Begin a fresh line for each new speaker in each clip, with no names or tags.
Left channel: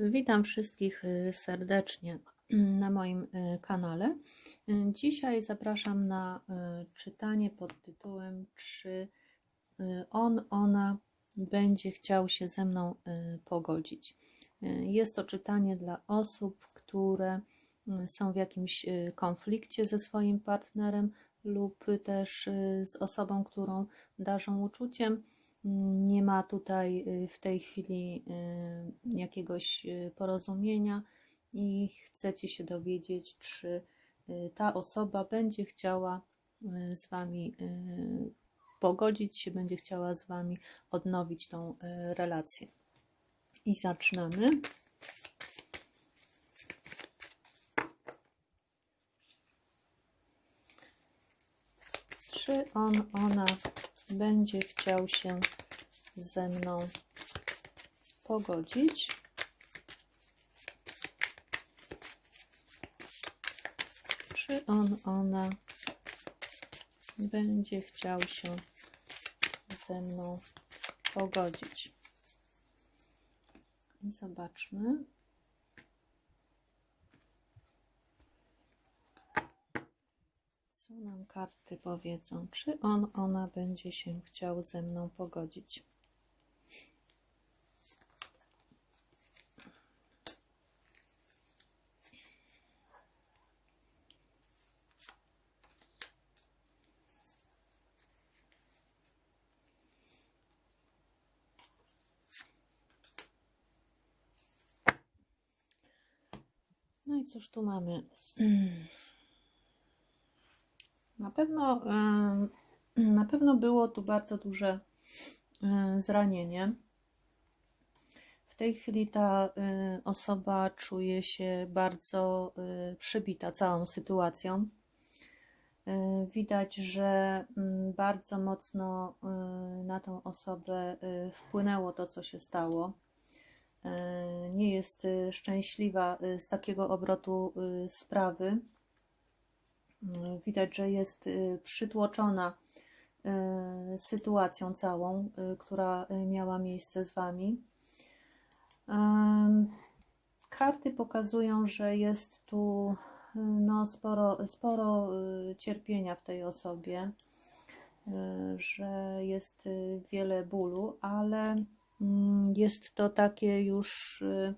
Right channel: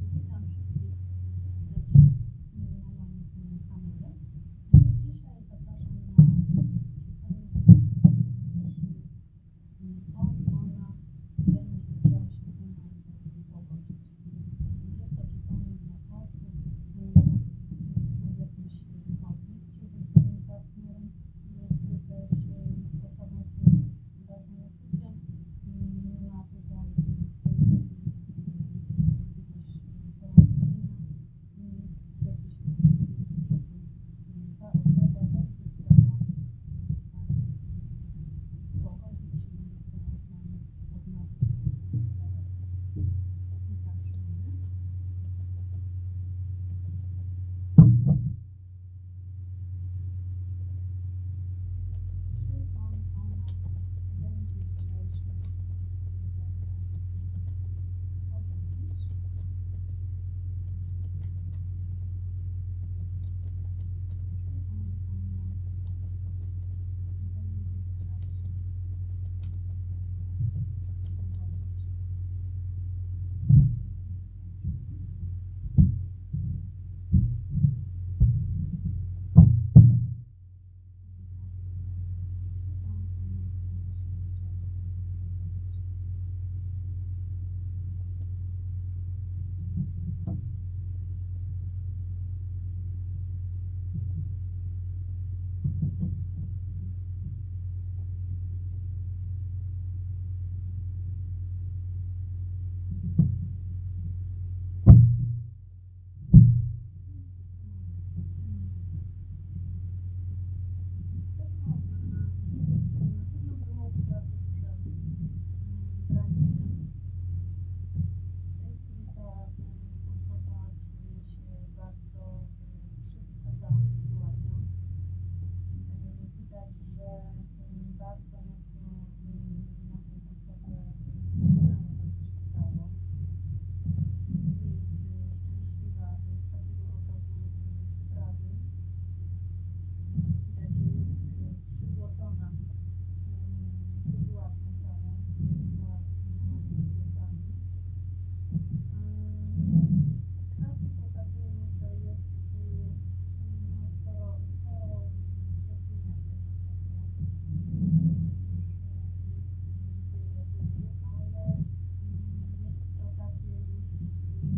Witam wszystkich y, serdecznie na moim y, kanale. Y, Dzisiaj zapraszam na czytanie pod tytułem Czy on, ona będzie chciał się ze mną pogodzić. Jest to czytanie dla osób, które y, są w jakimś konflikcie ze swoim partnerem lub też z osobą, którą darzą uczuciem. Nie ma tutaj w tej chwili jakiegoś y, porozumienia i chcecie się dowiedzieć, czy y, ta osoba będzie chciała y, z Wami pogodzić się, będzie chciała z Wami odnowić tą relację. I zaczynamy. Czy on, ona będzie chciał się ze mną pogodzić? Czy on, ona będzie chciał się ze mną pogodzić? Zobaczmy. Co nam karty powiedzą? Czy on, ona będzie się chciał ze mną pogodzić? Cóż tu mamy? Na pewno, na pewno było tu bardzo duże zranienie. W tej chwili ta osoba czuje się bardzo przybita całą sytuacją. Widać, że bardzo mocno na tą osobę wpłynęło to, co się stało. E, Nie jest e, szczęśliwa e, z takiego obrotu sprawy. Widać, że jest przytłoczona sytuacją całą, która miała miejsce z Wami. Karty pokazują, że jest tu no, sporo, sporo cierpienia w tej osobie, że jest wiele bólu, ale jest to takie już e,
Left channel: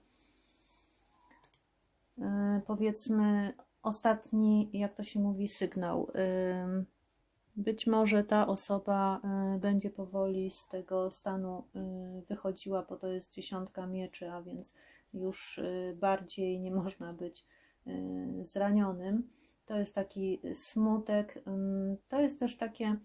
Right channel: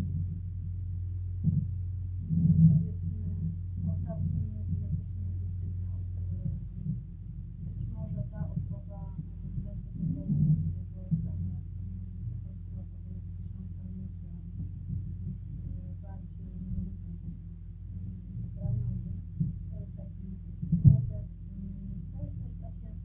e, powiedzmy ostatni, jak to się mówi, sygnał. Ym, Być może ta osoba y, będzie powoli z tego stanu y, wychodziła, bo to jest dziesiątka mieczy, a więc już y, bardziej nie można być y, zranionym. To jest taki smutek. ym, To jest też takie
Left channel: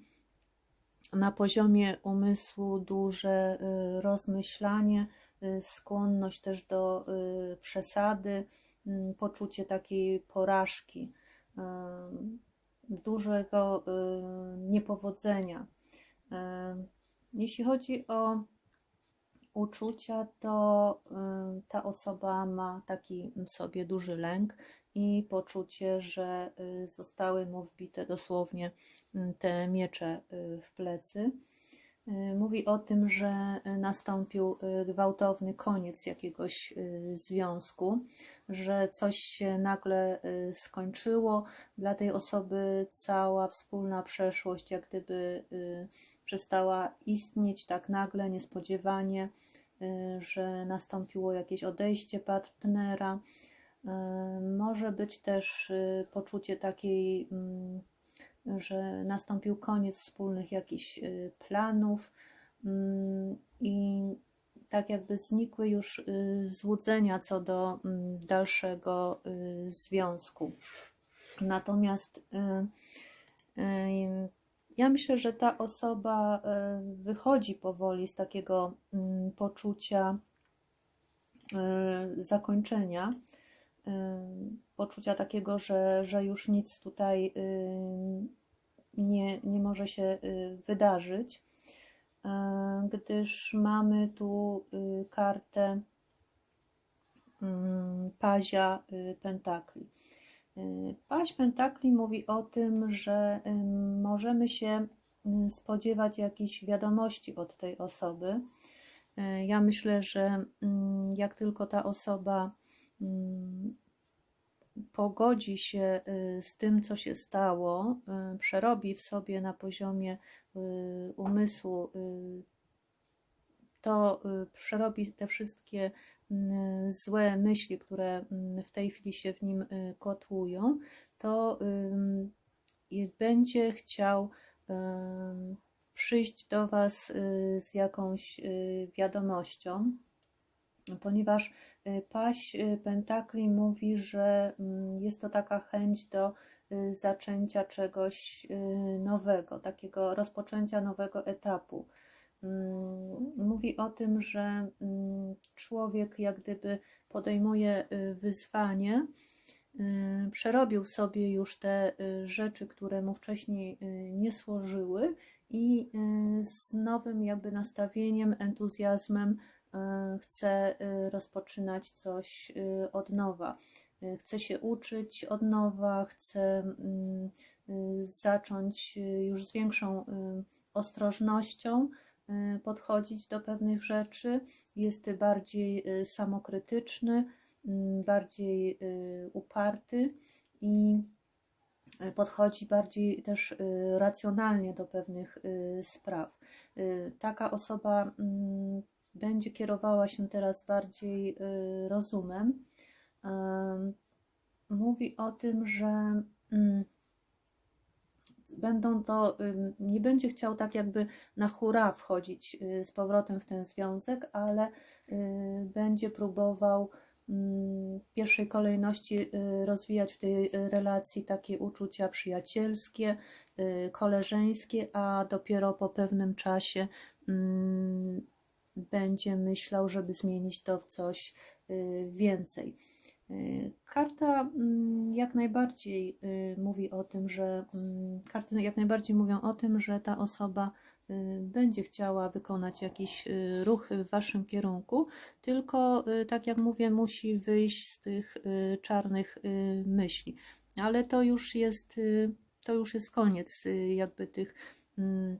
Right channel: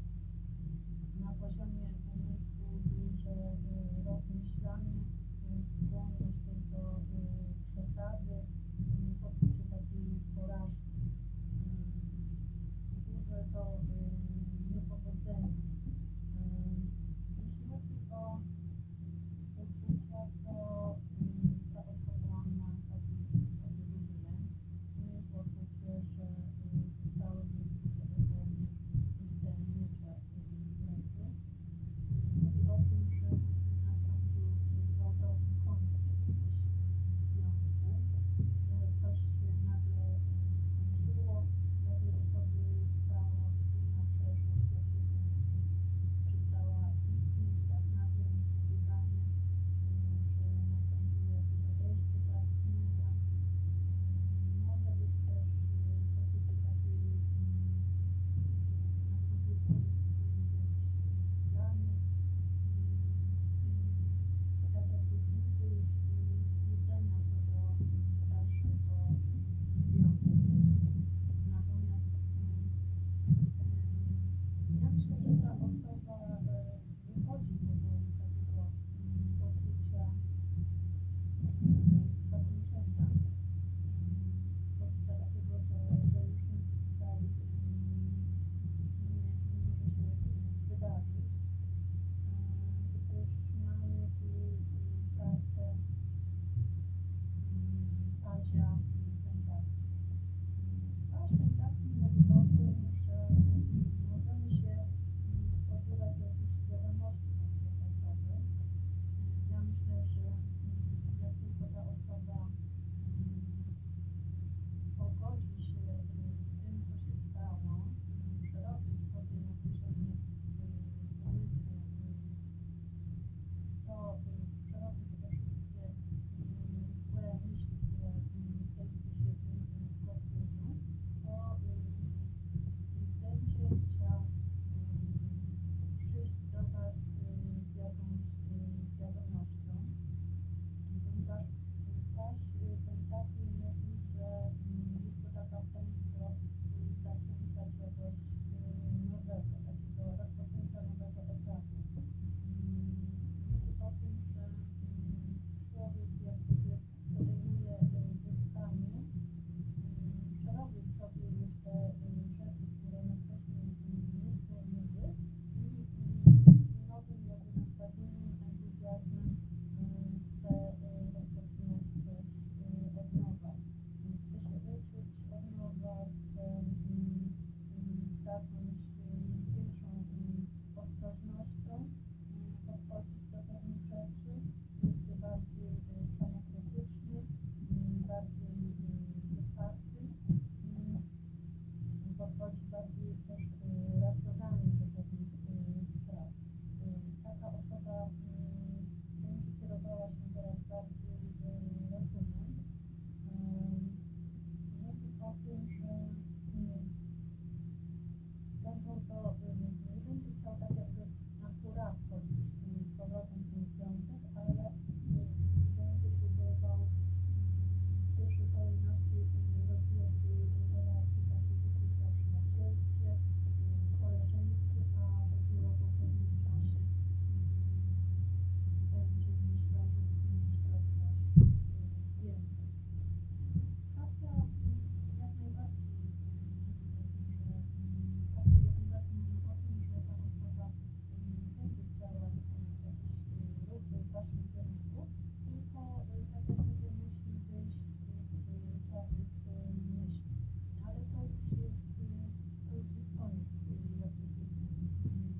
na poziomie umysłu duże y, rozmyślanie, y, skłonność też do y, przesady, poczucie takiej porażki, dużego niepowodzenia. Jeśli chodzi o uczucia, to ta osoba ma taki w sobie duży lęk i poczucie, że y, zostały mu wbite dosłownie y, te miecze y, w plecy. Y, Mówi o tym, że nastąpił gwałtowny koniec jakiegoś związku, że coś się nagle skończyło. Dla tej osoby cała wspólna przeszłość, jak gdyby przestała istnieć tak nagle, niespodziewanie, że nastąpiło jakieś odejście partnera. Y, Może być też y, poczucie takiej, mm, że nastąpił koniec wspólnych jakichś y, planów mm, i tak jakby znikły już y, złudzenia co do mm, dalszego związku. Natomiast ja myślę, że ta osoba wychodzi powoli z takiego poczucia zakończenia, poczucia takiego, że, że już nic tutaj y, nie, nie może się y, wydarzyć, y, gdyż mamy tu y, kartę mm, pazia y, pentakli. Y, Paź pentakli mówi o tym, że y, możemy się y, spodziewać jakichś wiadomości od tej osoby. E, Ja myślę, że mm, jak tylko ta osoba pogodzi się y, z tym, co się stało, y, przerobi w sobie na poziomie y, umysłu, to przerobi te wszystkie mm, złe myśli, które mm, w tej chwili się w nim kotłują, to będzie chciał przyjść do Was z jakąś wiadomością, ponieważ y, paść y, pentakli mówi, że mm, jest to taka chęć do y, zaczęcia czegoś nowego, takiego rozpoczęcia nowego etapu. Mm, Mówi o tym, że mm, człowiek jak gdyby podejmuje wyzwanie, przerobił sobie już te rzeczy, które mu wcześniej nie służyły i z nowym jakby nastawieniem, entuzjazmem chce y, rozpoczynać coś y, od nowa. Chce się uczyć od nowa, chce mm, zacząć już z większą ostrożnością podchodzić do pewnych rzeczy, jest bardziej samokrytyczny, mm, bardziej uparty i podchodzi bardziej też racjonalnie do pewnych spraw. Taka osoba mm, będzie kierowała się teraz bardziej y, rozumem. Mówi o tym, że mm, będą to, nie będzie chciał tak jakby na hura wchodzić y, z powrotem w ten związek, ale y, będzie próbował mm, w pierwszej kolejności rozwijać w tej relacji takie uczucia przyjacielskie, koleżeńskie, a dopiero po pewnym czasie mm, będzie myślał, żeby zmienić to w coś y, więcej. Y, Karta mm, jak najbardziej y, mówi o tym, że mm, karty jak najbardziej mówią o tym, że ta osoba będzie chciała wykonać jakiś ruch w waszym kierunku, tylko tak jak mówię, musi wyjść z tych czarnych myśli. Ale to już jest to już jest koniec jakby tych mm,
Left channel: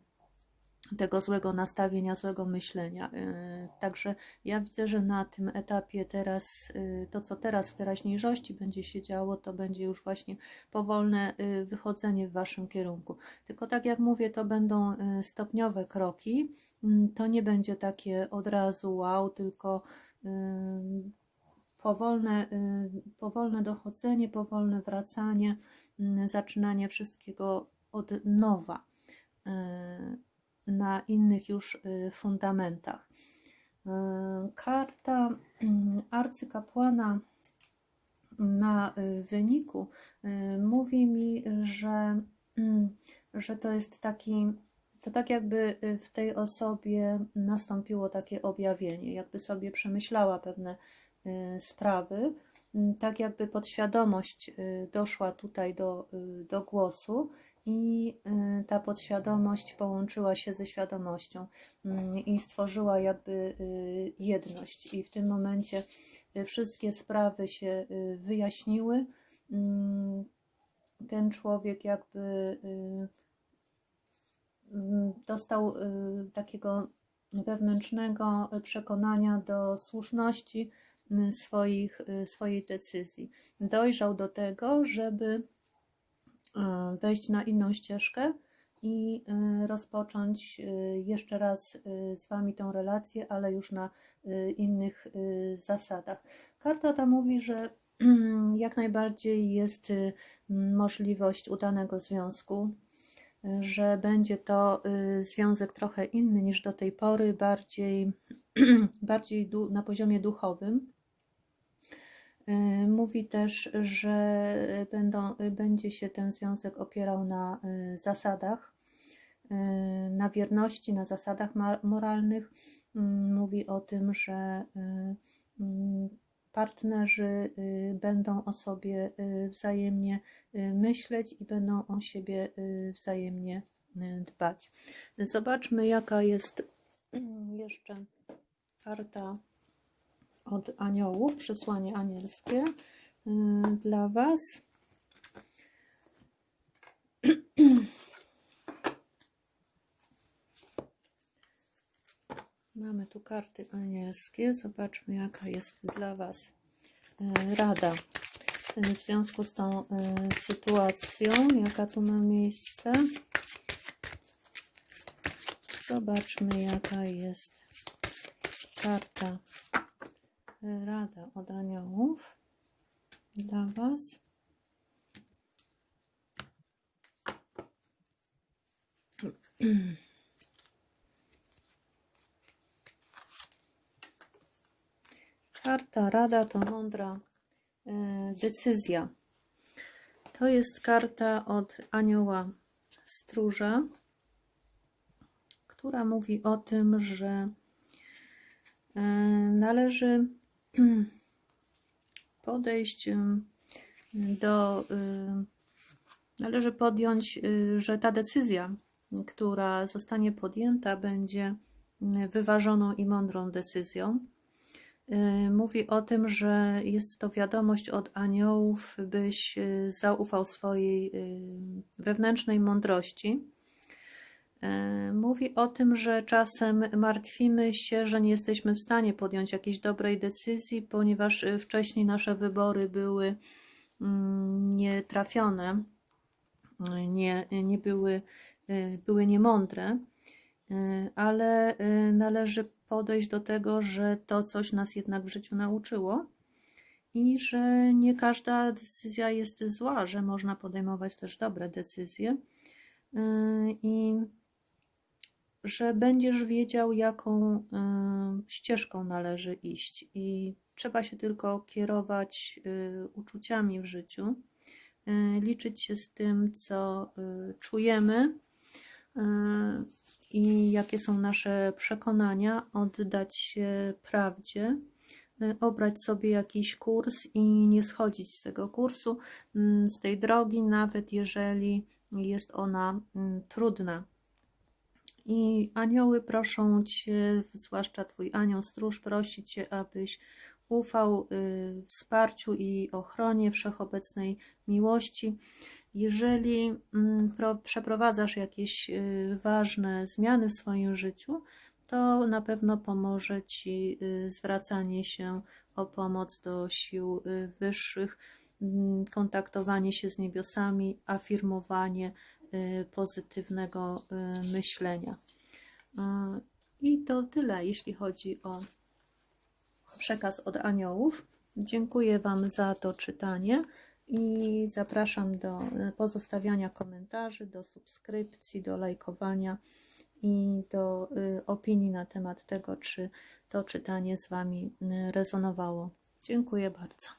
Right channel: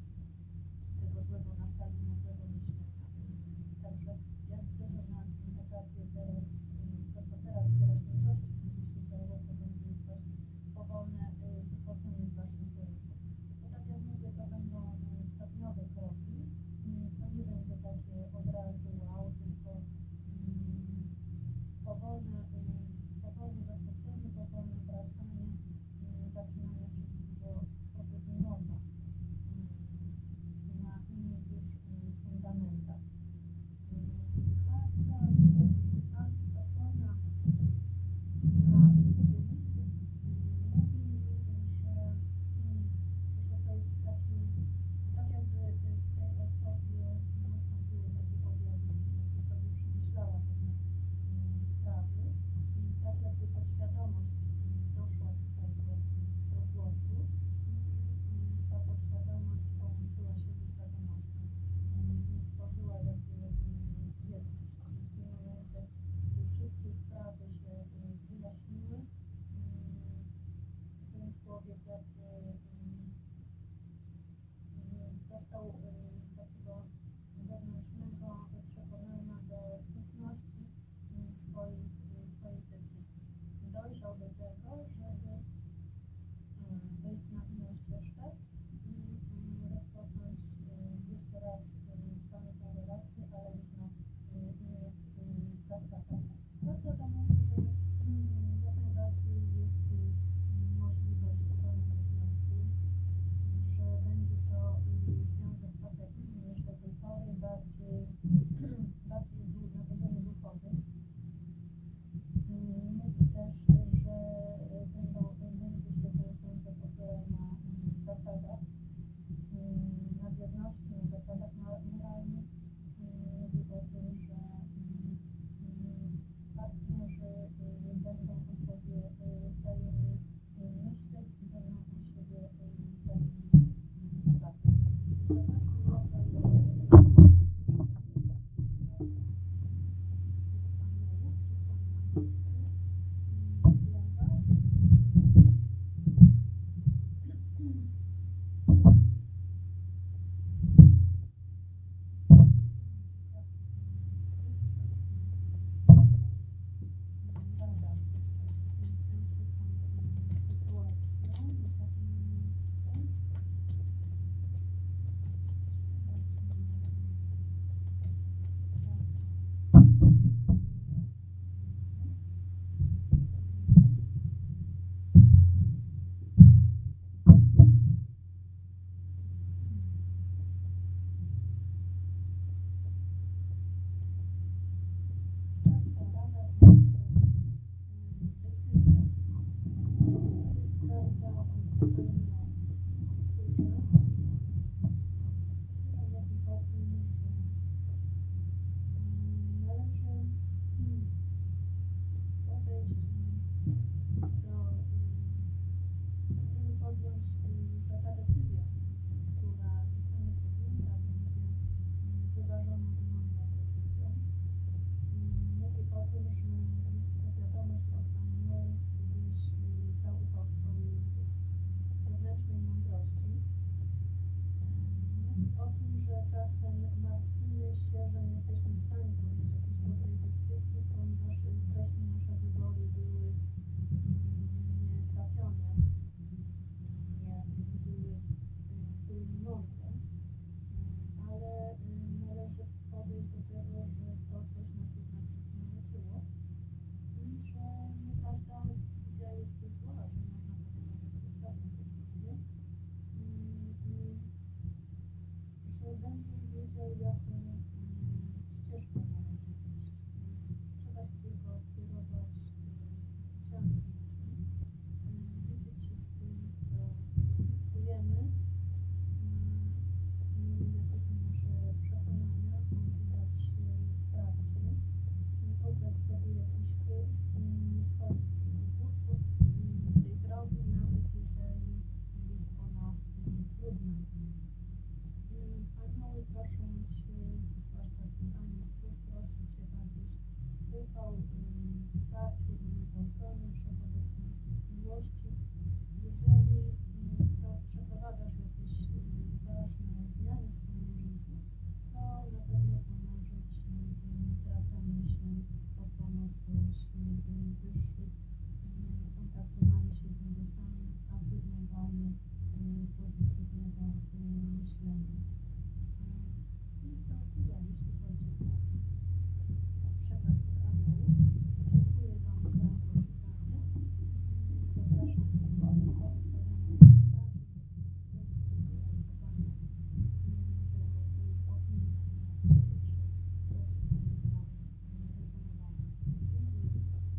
tego złego nastawienia, złego myślenia. Y, Także ja widzę, że na tym etapie teraz, y, to co teraz w teraźniejszości będzie się działo, to będzie już właśnie powolne y, wychodzenie w Waszym kierunku. Tylko tak jak mówię, to będą stopniowe kroki. Mm, To nie będzie takie od razu wow, tylko powolne, powolne dochodzenie, powolne wracanie, y, zaczynanie wszystkiego od nowa. Na innych już y, fundamentach. Y, Karta mm, arcykapłana na y, wyniku mówi mi, że, mm, że to jest taki, to tak jakby w tej osobie nastąpiło takie objawienie, jakby sobie przemyślała pewne sprawy, Mm, tak jakby podświadomość doszła tutaj do, do głosu i y, ta podświadomość połączyła się ze świadomością mm, i stworzyła jakby y, jedność. I w tym momencie y, wszystkie sprawy się y, wyjaśniły. Ten człowiek jakby y, dostał y, takiego wewnętrznego przekonania do słuszności y, swoich, y, swojej decyzji. Dojrzał do tego, żeby y, wejść na inną ścieżkę i y, rozpocząć y, jeszcze raz z Wami tą relację, ale już na innych zasadach. Karta ta mówi, że jak najbardziej jest możliwość udanego związku, że będzie to związek trochę inny niż do tej pory, bardziej, bardziej na poziomie duchowym. Y, Mówi też, że będą, będzie się ten związek opierał na y, zasadach, y, na wierności, na zasadach moralnych. Mm, Mówi o tym, że mm, partnerzy będą o sobie wzajemnie myśleć i będą o siebie wzajemnie dbać. Zobaczmy, jaka jest mm, jeszcze karta od aniołów, przesłanie anielskie y, dla Was. Mamy tu karty anielskie. Zobaczmy, jaka jest dla Was e, rada e, w związku z tą sytuacją, jaka tu ma miejsce. Zobaczmy, jaka jest karta To mądra e, decyzja. To jest karta od anioła stróża, która mówi o tym, że e, należy podejść e, do. Należy podjąć, że ta decyzja, która zostanie podjęta, będzie wyważoną i mądrą decyzją. Y, mówi o tym, że jest to wiadomość od aniołów, byś y, zaufał swojej y, wewnętrznej mądrości. Mówi o tym, że czasem martwimy się, że nie jesteśmy w stanie podjąć jakiejś dobrej decyzji, ponieważ wcześniej nasze wybory były mm, nietrafione, nie, nie były, były niemądre. Y, ale y, należy podejść do tego, że to coś nas jednak w życiu nauczyło i że nie każda decyzja jest zła, że można podejmować też dobre decyzje. Y, i że będziesz wiedział, jaką ścieżką należy iść, i trzeba się tylko kierować uczuciami w życiu, liczyć się z tym, co czujemy i jakie są nasze przekonania, oddać się prawdzie, y, obrać sobie jakiś kurs i nie schodzić z tego kursu, mm, z tej drogi, nawet jeżeli jest ona mm, trudna. I anioły proszą Cię, zwłaszcza Twój anioł stróż, prosi Cię, abyś ufał y, wsparciu i ochronie wszechobecnej miłości. Jeżeli mm, pro, przeprowadzasz jakieś y, ważne zmiany w swoim życiu, to na pewno pomoże Ci y, zwracanie się o pomoc do sił y, wyższych, mm, kontaktowanie się z niebiosami, afirmowanie pozytywnego myślenia. I to tyle, jeśli chodzi o przekaz od aniołów. Dziękuję Wam za to czytanie i zapraszam do pozostawiania komentarzy, do subskrypcji, do lajkowania i do y, opinii na temat tego, czy to czytanie z Wami y, rezonowało. Dziękuję bardzo.